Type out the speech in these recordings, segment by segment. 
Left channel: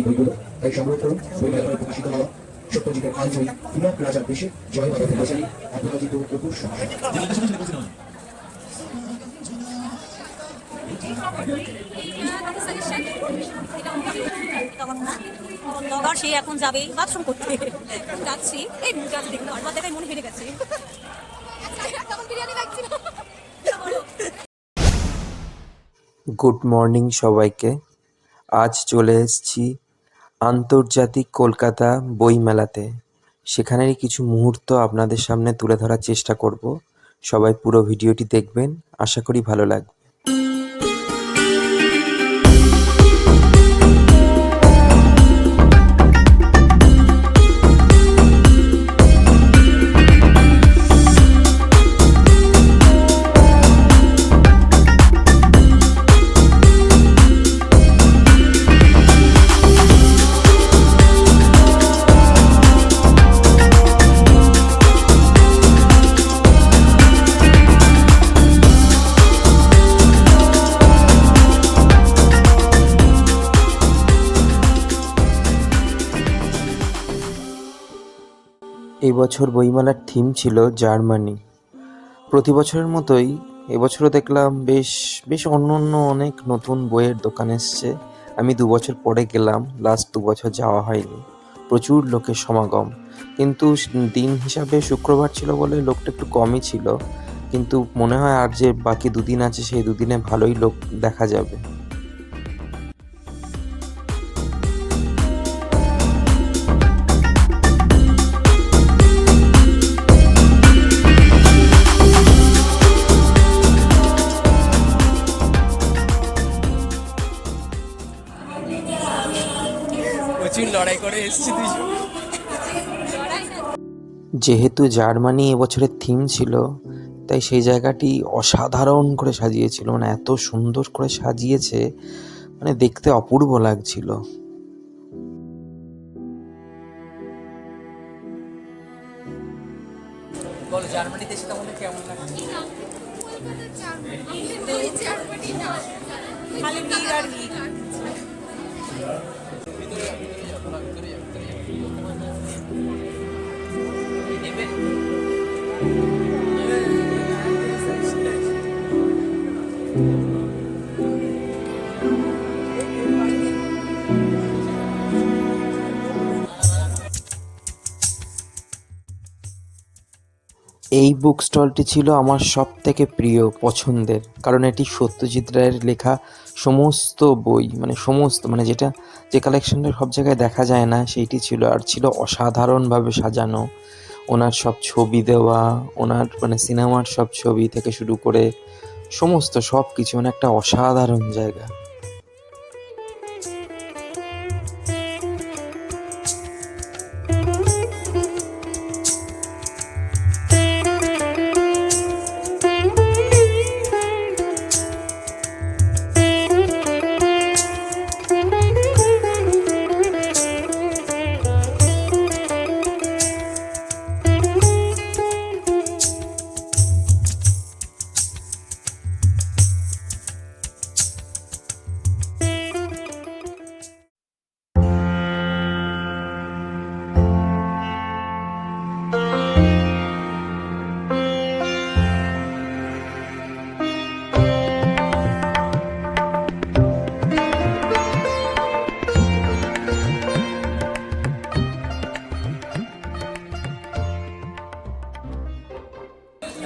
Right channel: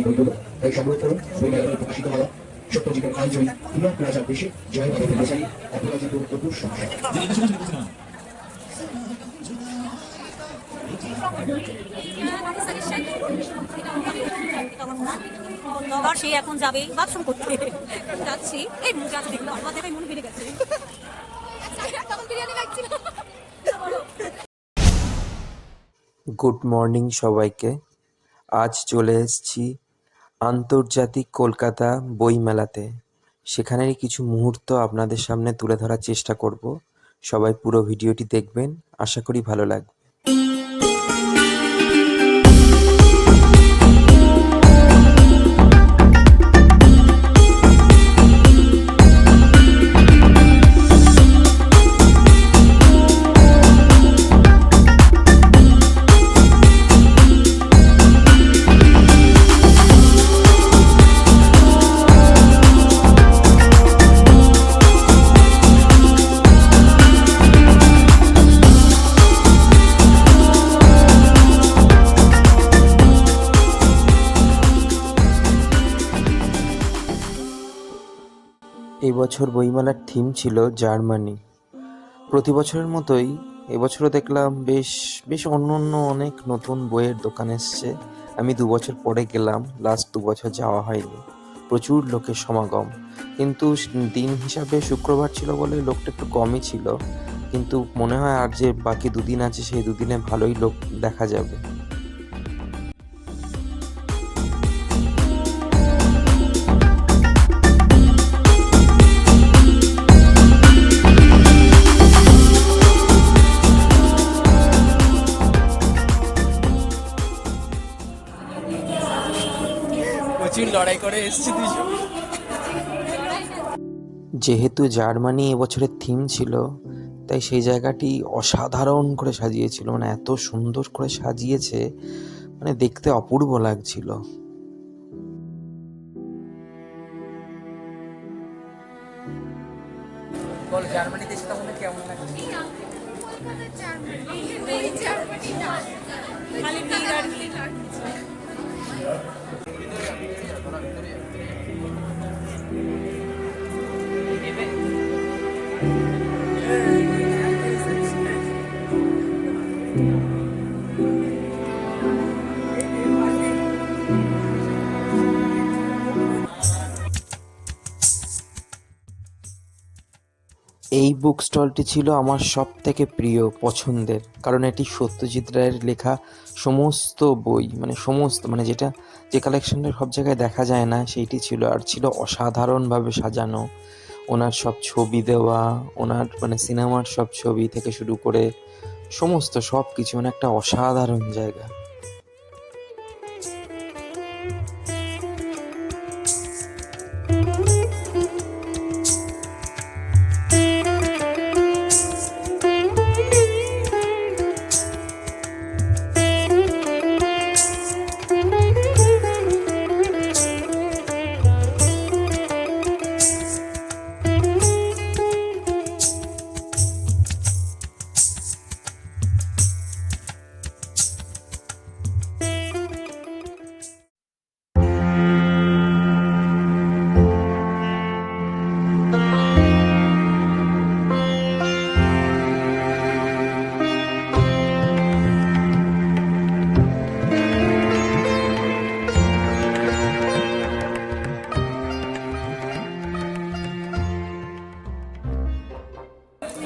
এই বইগুলো। তাই সংগ্রহ করুন বইমেলায় প্রকাশিত হওয়া সত্যজিতের আলজয়ী পুনঃ প্লাজার দেশে জয় বাবা বেচারি অপরাজিত অপুর সংসার। সে এখন যাবে বাথরুম করতে যাচ্ছি এই দেখলাম আমার দেখায় মনে ভেঙে গেছে। গুড মর্নিং সবাইকে। আজ চলে এসেছি আন্তর্জাতিক কলকাতা বইমেলাতে। সেখানেরই কিছু মুহূর্ত আপনাদের সামনে তুলে ধরার চেষ্টা করব। সবাই পুরো ভিডিওটি দেখবেন, আশা করি ভালো লাগবে। এই বছর বইমেলার থিম ছিল জার্মানি। প্রতি বছরের মতোই এবছরও দেখলাম বেশ অন্য অনেক নতুন বইয়ের দোকান এসছে। আমি 2 বছর পরে গেলাম, লাস্ট 2 বছর যাওয়া হয়নি। প্রচুর লোকের সমাগম, কিন্তু দিন হিসাবে শুক্রবার ছিল বলে লোকটা একটু কমই ছিল। কিন্তু মনে হয় আর যে বাকি 2 দিন আছে সেই 2 দিনে ভালোই লোক দেখা যাবে। লড়াই করে এসেছি দুইজন। যেহেতু জার্মানি এবছরের থিম ছিল, তাই সেই জায়গাটি অসাধারণ করে সাজিয়েছিল। মানে এত সুন্দর করে সাজিয়েছে, মানে দেখতে অপূর্ব লাগছিল। বলো জার্মানি দেশটা মনে কেমন লাগছে? এই বুক স্টলটি ছিল আমার সব থেকে প্রিয় পছন্দের, কারণ এটি সত্যজিৎ রায়ের লেখা সমস্ত বই, মানে যে কালেকশনটা সব জায়গায় দেখা যায় না সেইটি ছিল। আর ছিল অসাধারণভাবে সাজানো। ওনার সব ছবি দেওয়া, ওনার সিনেমার সব ছবি থেকে শুরু করে সমস্ত সব কিছু, একটা অসাধারণ জায়গা।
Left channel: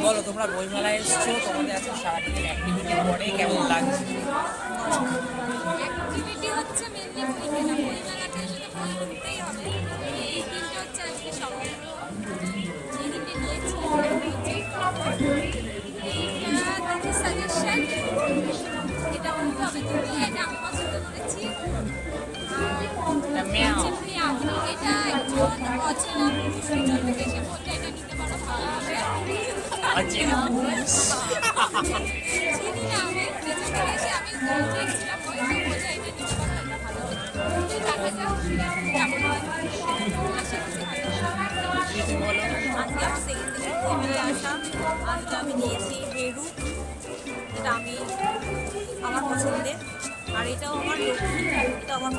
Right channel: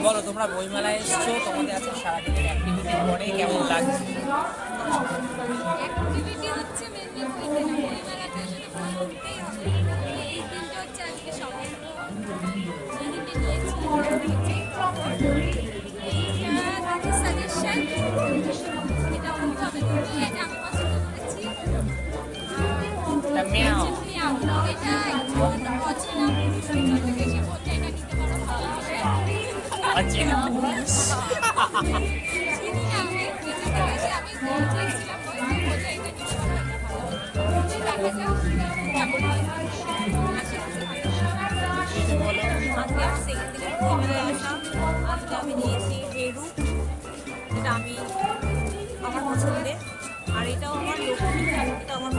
বলো তোমরা বইমেলায় এসছো, তোমাদের আজকে সারাদিনের অ্যাক্টিভিটি পরে কেমন লাগছে? অ্যাক্টিভিটি হচ্ছে মেইনলি বইমেলাতে এসে বই কিনতেই হবে। এই দিনটা হচ্ছে আজকে সংগ্রহ সাজেশন, এটা অনুভবে এটা আমি পছন্দ করেছি। এটা আজকে আমার সেকেন্ড দিনের বইমেলায় আসা। আজকে আমি নিয়েছি হেরু, এটা আমি আমার পছন্দের। আর এটাও আমার লক্ষ্মী মুখটা আমার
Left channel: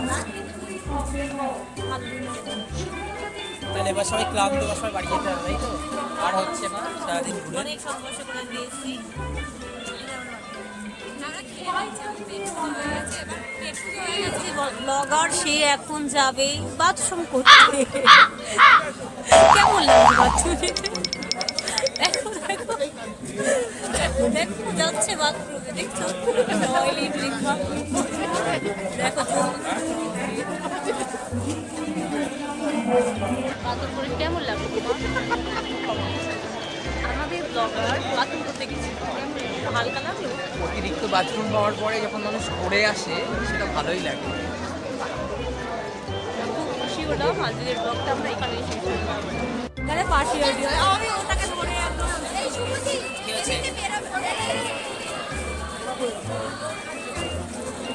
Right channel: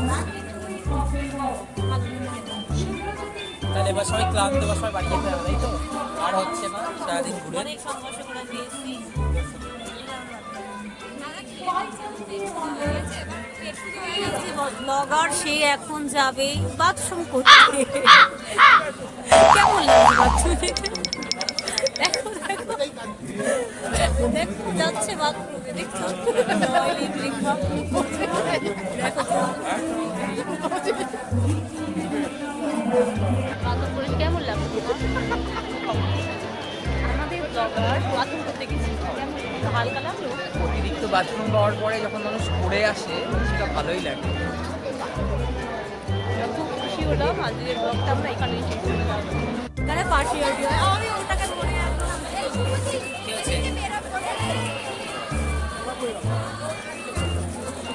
ভালো দিন তাহলে এবার সবাই ক্লান্ত, এবার সবাই বাড়ি যেতে হবে, তাই তো? আর হচ্ছে না সারাদিন ঘুরে। অনেক সংঘর্ষ করে দিয়েছি। ব্লগার সে এখন যাবে বাথরুম করতে। কেমন লাগছে বাথরুমে? দেখো দেখো দেখো যাচ্ছে বাথরুমে, দেখছো টয়লেট লেখা। দেখো বাথরুম করে কেমন লাগলো তোমার? আমাদের ব্লগার বাথরুম করতে গেছিল, কেমন লাগলো? হালকা লাগলো? অতিরিক্ত বাথরুম পাওয়ার পরে যখন মানুষ করে আসে সেটা ভালোই লাগে। আমরা খুব খুশি হলাম। আজকের ব্লগটা আমরা এখানেই শেষ করলাম। এখানে পাশে কি হচ্ছে?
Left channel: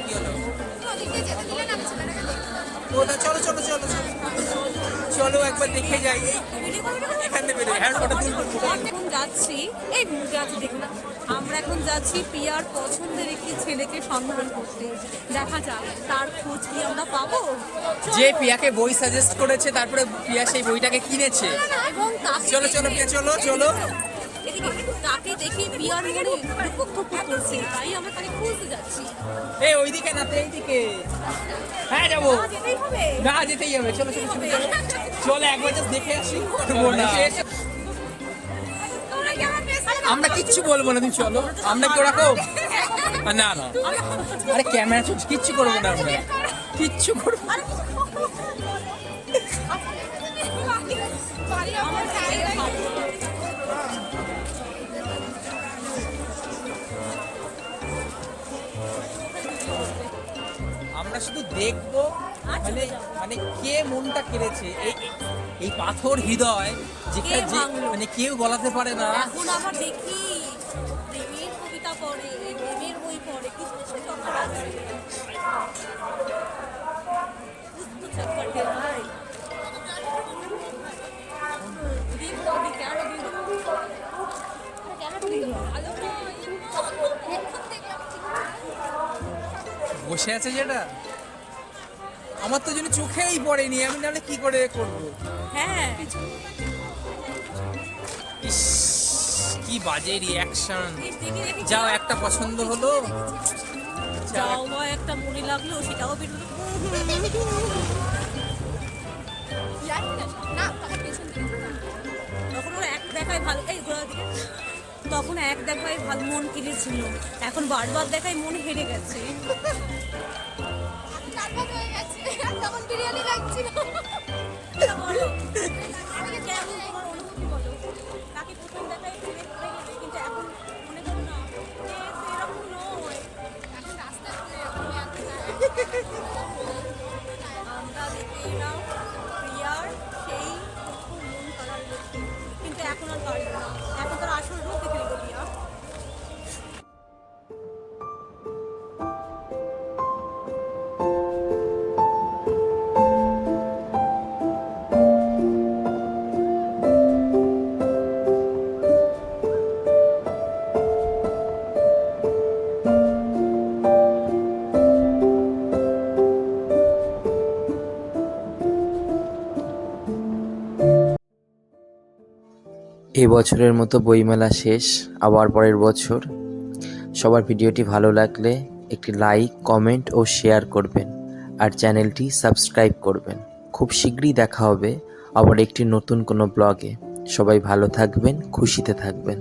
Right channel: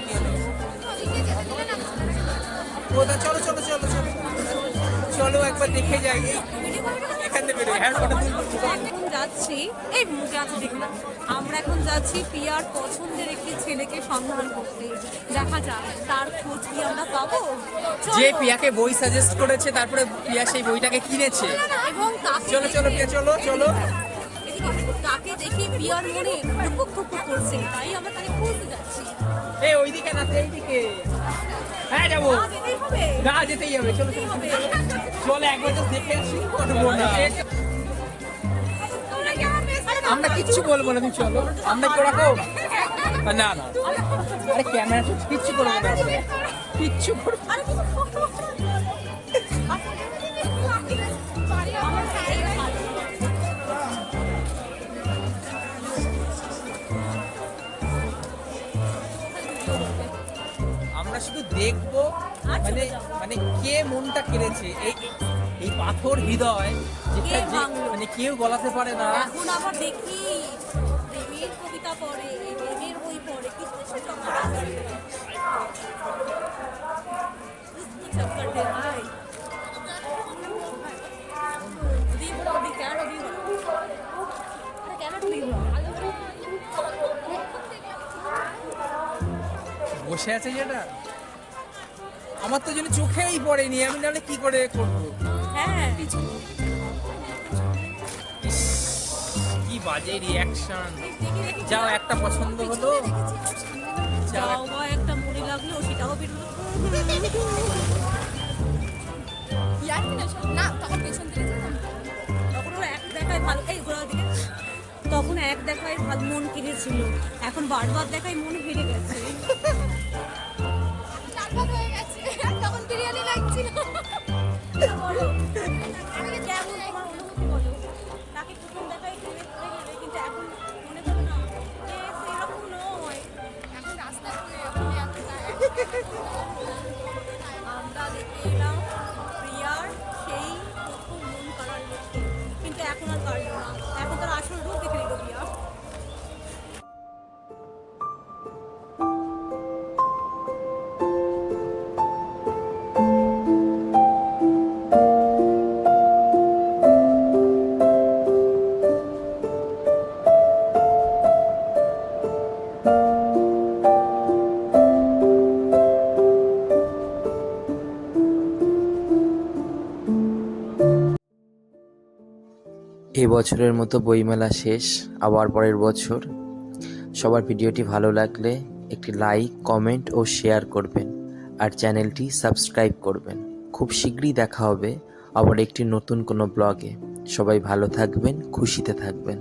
কি হলো? ওটা চলো চলো চলো চলো চলো একবার দেখে যাই। এখান থেকে বেরোই। হ্যাঁ ফটো তুলবো। এখন যাচ্ছি, এই মুখে আছে দেখলাম, আমরা এখন যাচ্ছি প্রিয়ার পছন্দের একটি ছেলেকে সন্ধান করতে। দেখা যাক তার খোঁজ কি আমরা পাবো। যে পিয়াকে বই সাজেস্ট করেছে, তারপরে পিয়া সেই বইটাকে কিনেছে। এবং তাকে চলো চলো পিয়া চলো চলো। তাকে দেখে প্রিয়ার মনে টুকুক টুকুক করছে, তাই আমরা তাকে খুঁজতে যাচ্ছি। এই ওইদিকে না, এইদিকে। হ্যাঁ যাবো। যেতেই হবে। না যেতেই হবে। চলো চলো চলো চলো একবার just দেখে আসি। তোমরা কি আমার পেছনে থাকো? আমরা কিচ্ছু বলবো না, তুমি চলো। আমরা কি ওরকম? না না আরে ক্যামেরা চলছে, কিচ্ছু করবো না আমরা। কিচ্ছু করবো না। আরে কিছু করো। আমরা শুধু দেখবো মানে মানে কে মনটা কেড়েছে। এই পাথর হৃদয় যেটা যে মানে কেউ বলাতে পারে না। এখন আবার দেখি প্রেমের কবিতা পড়ে, প্রেমের বই পড়ে, কিছু চক্কর আছে। কিছু চক্কর দে ভাই। দিব দাও, দি কেন দিব? আরে কেন দিব? বসে আছে যেটা আমার তো যেন চোখেই পড়েনি, আমি নাহলে কি করে করবো। হ্যাঁ ইস, কি বাজে রিয়াকশন। যাও একটা পছন্দ হলো, যাও বা একটা মনে লাগলো, সেটাও বেরোলো। তখন এক দেখায় ভালো মন কেড়েছিল, এখন বারবার দেখায় মন হেরে গেছে। তখন বিরিয়ানি লাগছিল। তোমার অনুভূতি বলো, তাকে প্রথম দেখায় প্রেমে পড়ে গেলে, কিন্তু এখন মনে করো না যে সেরকম নয়। আমরা দেখে এলাম প্রিয়ার সেই প্রথম মন কাড়ার লক্ষ্য, কিন্তু এখন আর পারলো না। এখন তার আসল রূপ দেখে নিল প্রিয়া। এই বছরের মতো বইমেলা শেষ, আবার পরের বছর। সবার ভিডিওটি ভালো লাগলে একটি লাইক, কমেন্ট ও শেয়ার করবেন, আর চ্যানেলটি সাবস্ক্রাইব করবেন। খুব শীঘ্রই দেখা হবে আবার একটি নতুন কোনো ব্লগে। সবাই ভালো থাকবেন, খুশিতে থাকবেন।